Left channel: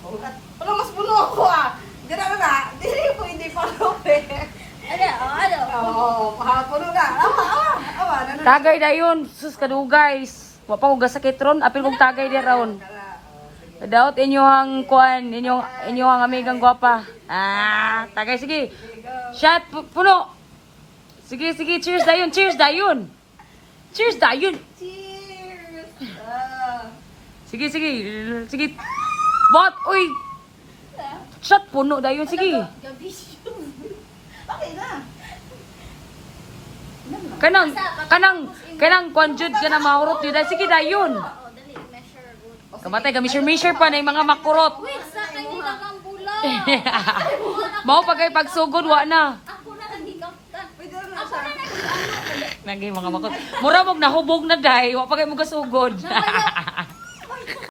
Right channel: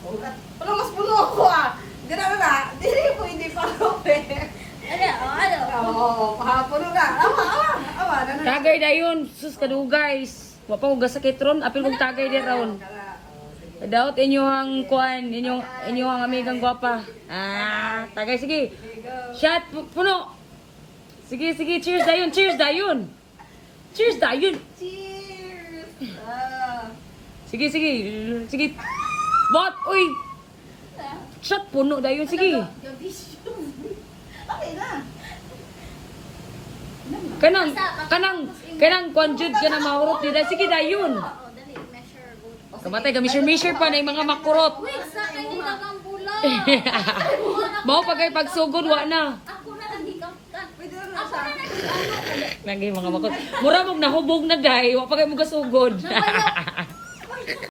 Wala mas puno ako ah. Gano'n na. Dili ko hindi pa Ano? Oo, puno na. Awa. Tagay na yun. Sus guys. Wa pa ko gasakit ron. Apil kong tagay di ron. Daot inyong kuan, inyong amigang gwapa. Tagay sige. Shot puno. Sige, cheers dayon. Cheers dayon. Cheers! Sige. Bot, uy. Shot puno dayon, sige. Okay na. Kanang konjud ka na mahurot nila. Sige dayon. Oo, dali, measure good. Kamatay ka measure pa na yung mga makurot. Wait, sa akin din ang bula. Mao pagay pagsugod wa na. Ako na lang higaptan. Pwede na Ako sa na lang higaptan. Nagi mga makot. Mura mong nahubog na day, wa pagay mo gasugod. Namayok